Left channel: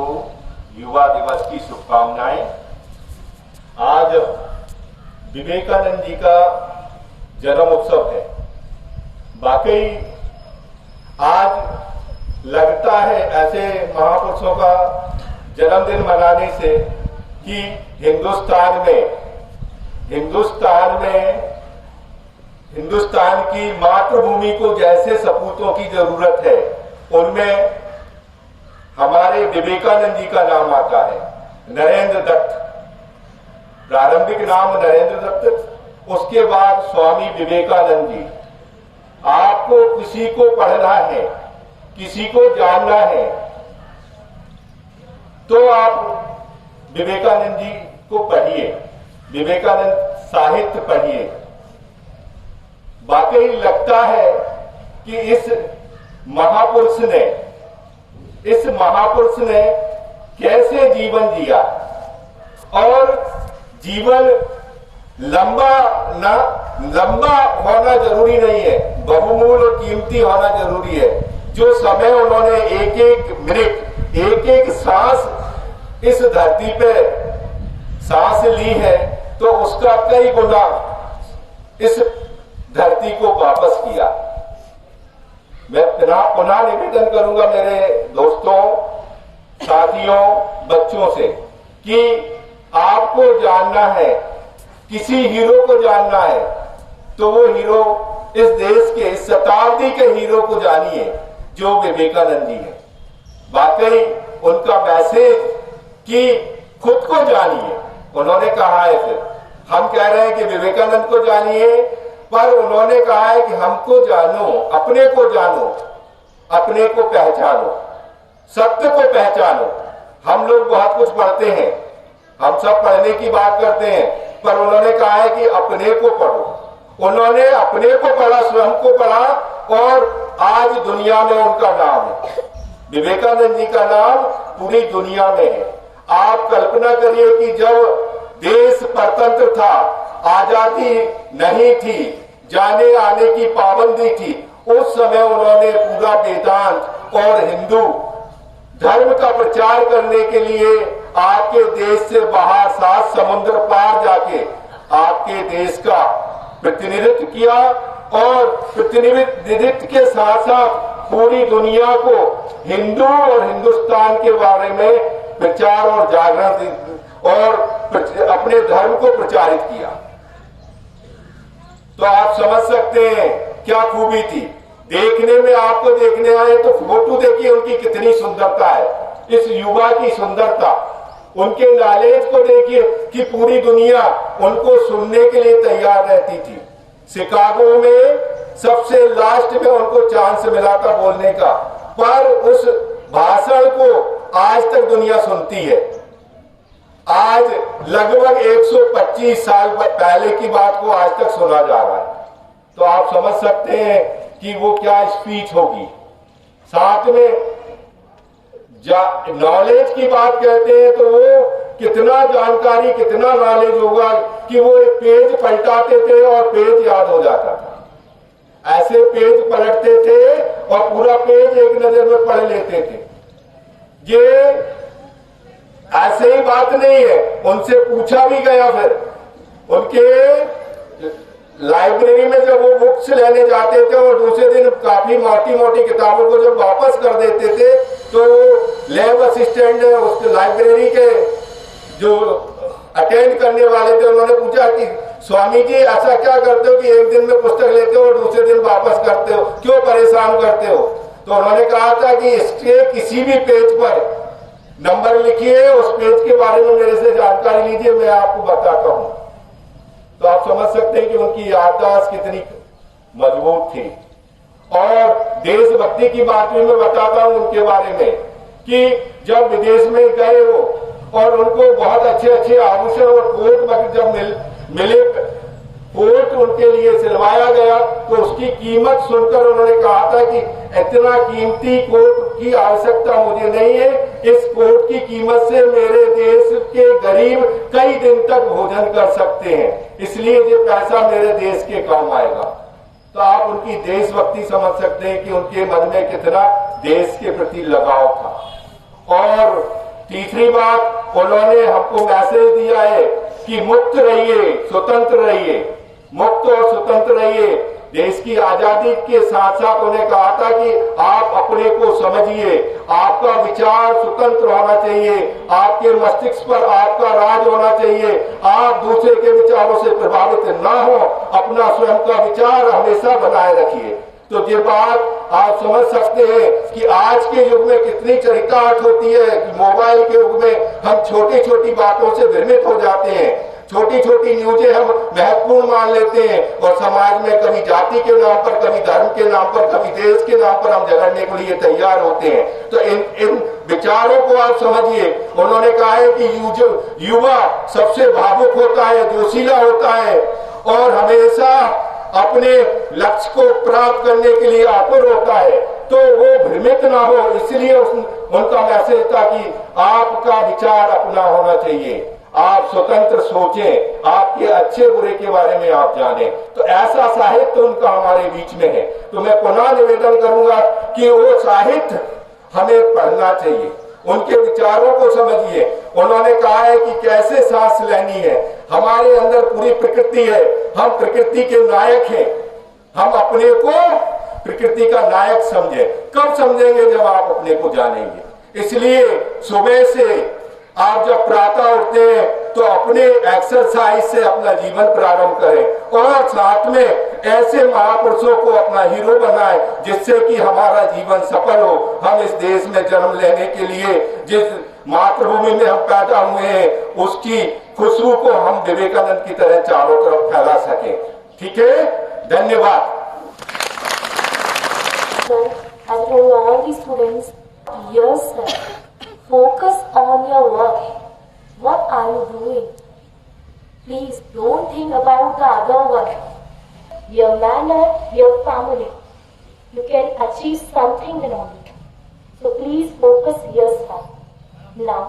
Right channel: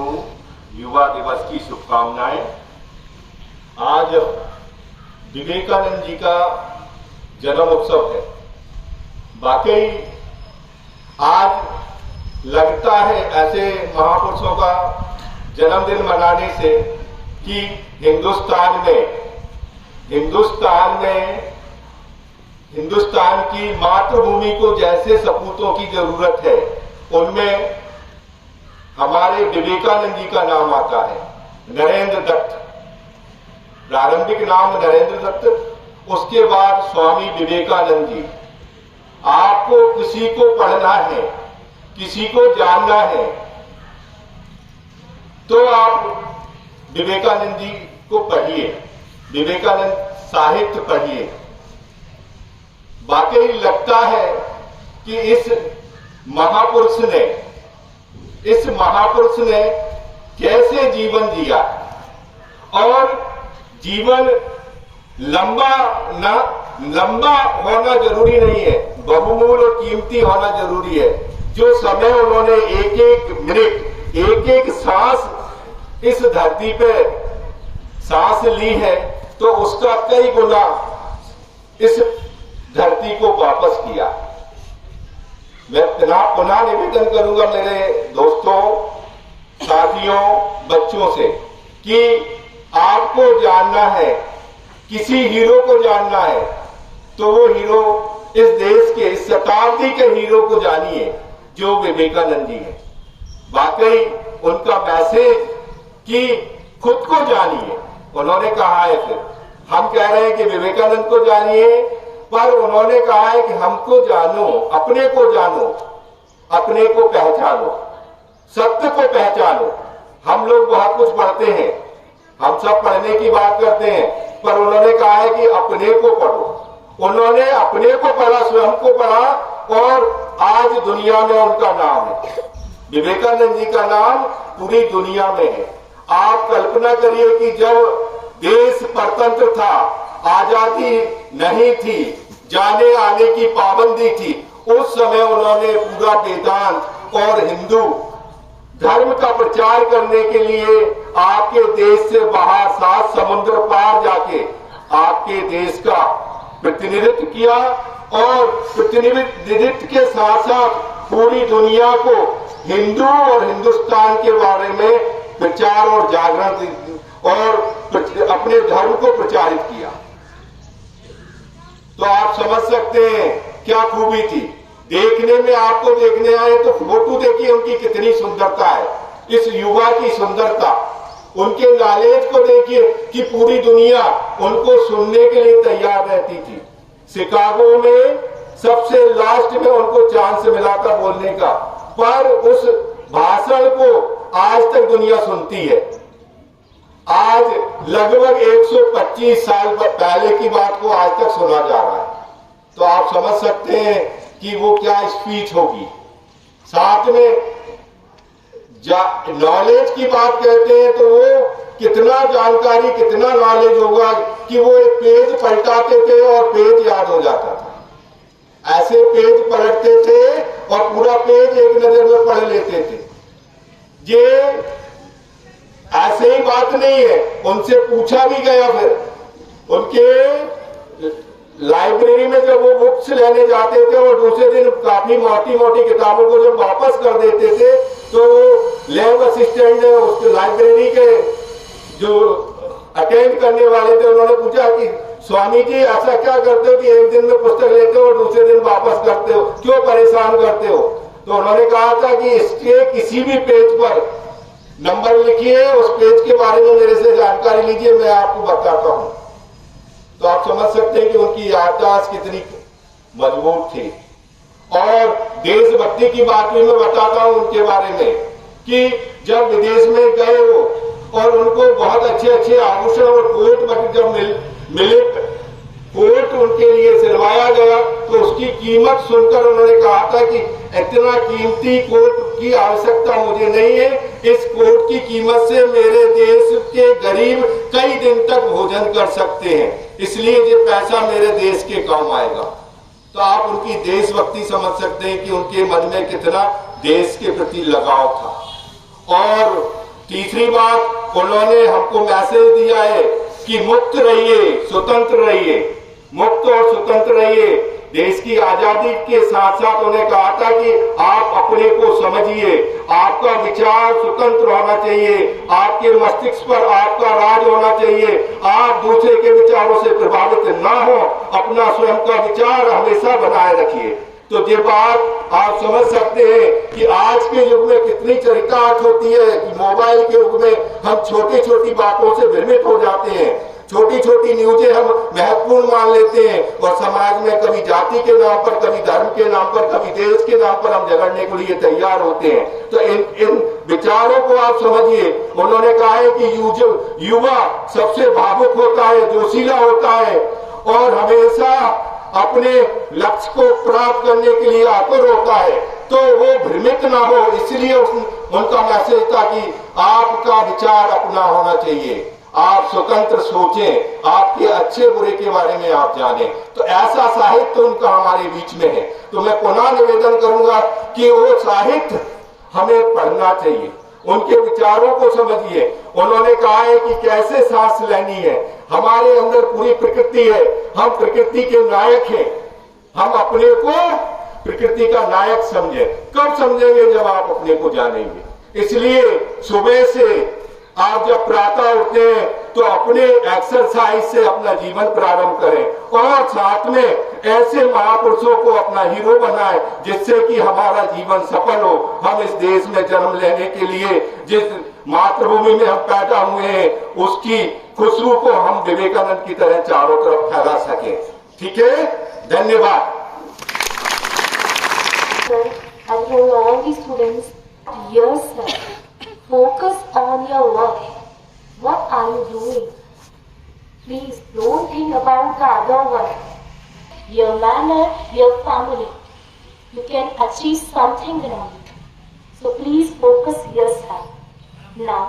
को युवा दिवस की शुभकामनाएं। आज विवेकानंद जी का जन्म उत्सव है। वाकई आज लगता है ऐसे महापुरुषों का जन्मदिन मनाने से कि हिंदुस्तान की मातृभूमि को जैसे सपूतों की जरूरत है, उनमें हमारे विवेकानंद जी का नाम आता है। नरेंद्र दत्त, प्रारंभिक नाम नरेंद्र दत्त, उसके बाद स्वामी विवेकानंद जी। आपको किसी को पढ़ना है, किसी को जानना है, तो आप विवेकानंद जी को पढ़िए, विवेकानंद साहित्य पढ़िए। वाकई लगता है कि इस महापुरुष ने कैसे जीवन जिया, और जीवन लंबा होना जरूरी नहीं है, बहुमूल्य और कीमती होना जरूरी है। जो समय उन्होंने एक एक मिनट, एक एक सांस इस धरती पे सांस ली है, तो उसका कई गुना इस धरती को वापस किया। मैं पुनः निवेदन करूंगा मेरे दोस्तों, साथियों, बच्चों से कि आपको जानना है, किसी हीरो को जानना है, तो वो हीरो इस देश के, इस शताब्दी के हीरो को जानिए जो विवेकानंद जी है। वाकई उनका मैसेज कि खुद को जानिए, उन्होंने कहा है। फिर हम कह रहे हैं कि विवेकानंद को जानिए, पर उन्होंने कहा है कि हमको जानो, अपने को जानो, अपने को पहचानो, सत्य को पहचानो। हम लोग बहुत कुछ पढ़ते हैं, हम सब पढ़ने की बात करते हैं, पर उन्होंने कहा है कि अपने को पढ़ो। उन्होंने अपने को पढ़ा, स्वयं को पढ़ा, और आज दुनिया में उनका नाम है। विवेकानंद जी का नाम पूरी दुनिया में है। आप कल्पना करिए कि जब देश परतंत्र था, आजादी नहीं थी, जाने आने की पाबंदी थी, उस समय उन्होंने पूरा वेदांत और हिंदू धर्म का प्रचार करने के लिए आपके देश से बाहर 7 समुद्र पार जाके आपके देश का प्रतिनिधित्व किया, और प्रतिनिधित्व के साथ साथ पूरी दुनिया को हिंदू और हिंदुस्तान के बारे में प्रचार और जागरण और अपने धर्म को प्रचारित किया। तो आप समझ सकते हैं क्या खूबी थी। देखने में, आपको देखने आए तो फोटो देखिए उनकी कितनी सुंदरता है, इस युवा की सुंदरता। उनके नॉलेज को देखिए कि पूरी दुनिया उनको सुनने के लिए तैयार रहती थी। शिकागो में सबसे लास्ट में उनको चांस मिला था बोलने का, पर उस भाषण को आज तक दुनिया सुनती है। आज लगभग 125 साल पहले की बात को आज तक सुना जा रहा है। तो आप समझ सकते हैं कि वो क्या स्पीच होगी। साथ में नॉलेज की बात कहते हैं, तो वो कितना जानकारी, कितना नॉलेज होगा कि वो एक पेज पलटाते थे और पेज याद हो जाता था। ऐसे पेज पलटते थे और पूरा पेज एक नजर में पढ़ लेते थे। ये ऐसे ही बात नहीं है, उनसे पूछा भी गया। फिर उनके लाइब्रेरी में जब वो बुक्स लेने जाते थे और दूसरे दिन काफी मोटी मोटी किताबों को जब वापस कर देते थे, तो लैब असिस्टेंट ने उसके लाइब्रेरी के जो अटेंड करने वाले थे, उन्होंने पूछा कि स्वामी जी ऐसा क्या करते हो कि एक दिन में पुस्तक लेते हो और दूसरे दिन वापस करते हो, क्यों परेशान करते हो? तो उन्होंने कहा था कि इसके किसी भी पेज पर नंबर लिखिए, उस पेज के बारे में मेरे से जानकारी लीजिए, मैं आपको बताता हूं। तो आप समझ सकते हैं कि उनकी याददाश्त कितनी मजबूत थी। और देशभक्ति की बात भी मैं बताता हूं उनके बारे में कि जब विदेश में गए वो, और उनको बहुत अच्छे अच्छे आभूषण और कोट जब मिले, कोट उनके लिए सिलवाया गया, तो उसकी कीमत सुनकर उन्होंने कहा था कि इतना कीमती कोट की आवश्यकता मुझे नहीं है, इस कोट की कीमत से मेरे देश के गरीब कई दिन तक भोजन कर सकते हैं, इसलिए ये पैसा मेरे देश के काम आएगा। तो आप उनकी देशभक्ति समझ सकते हैं कि उनके मन में कितना देश के प्रति लगाव था। और तीसरी बात, उन्होंने हमको मैसेज दिया है कि मुक्त रहिए, स्वतंत्र रहिए, मुक्त और स्वतंत्र रहिए। देश की आजादी के साथ साथ उन्होंने कहा था कि आप अपने को समझिए, आपका विचार स्वतंत्र होना चाहिए, आपके मस्तिष्क पर आपका राज होना चाहिए, आप दूसरे के विचारों से प्रभावित ना हो, अपना स्वयं का विचार हमेशा बनाए रखिए। तो ये बात आप समझ सकते हैं कि आज के युग में कितनी चरितार्थ होती है कि मोबाइल के युग में हम छोटी छोटी बातों से भ्रमित हो जाते हैं, छोटी छोटी न्यूजें हम महत्वपूर्ण मान लेते हैं और समाज में कभी जाति के नाम पर, कभी धर्म के नाम पर, कभी देश के नाम पर हम झगड़ने के लिए तैयार होते हैं। तो इन विचारों को आप समझिए। उन्होंने कहा है कि युवा सबसे भावुक होता है, जोशीला होता है और हमेशा अपने लक्ष्य को प्राप्त करने के लिए आतुर होता है, तो वो भ्रमित ना हो, इसलिए उनका मैसेज था कि आपका विचार अपना होना चाहिए, आप स्वतंत्र सोचें, आपके अच्छे बुरे के बारे में आप जानें। तो ऐसा साहित्य उनका हमारे बीच में है। तो मैं पुनः निवेदन करूंगा कि वो साहित्य हमें पढ़ना चाहिए, उनके विचारों को समझिए। उन्होंने कहा है कि कैसे सांस लेनी है, हमारे अंदर पूरी प्रकृति है, हम प्रकृति के नायक हैं, हम अपने को प्रकृति का नायक समझें। कब समझेंगे? जब आप अपने को जानेंगे। इसलिए सुबह से आप जब प्रातः उठते हैं तो अपने एक्सरसाइज से अपना जीवन प्रारंभ करें और साथ में ऐसे महापुरुषों को अपना हीरो बनाएं जिससे कि हमारा जीवन सफल हो। हम इस देश में जन्म लेने के लिए जिस मातृभूमि में हम पैदा हुए हैं उसकी खुशबू को हम विवेकानंद की तरह चारों तरफ फैला सकें। ठीक है, धन्यवाद। Focus on your work. What are you doing? Please don't think about the other one. Your manner, your family. You can achieve something in it. So please focus yourself. Now,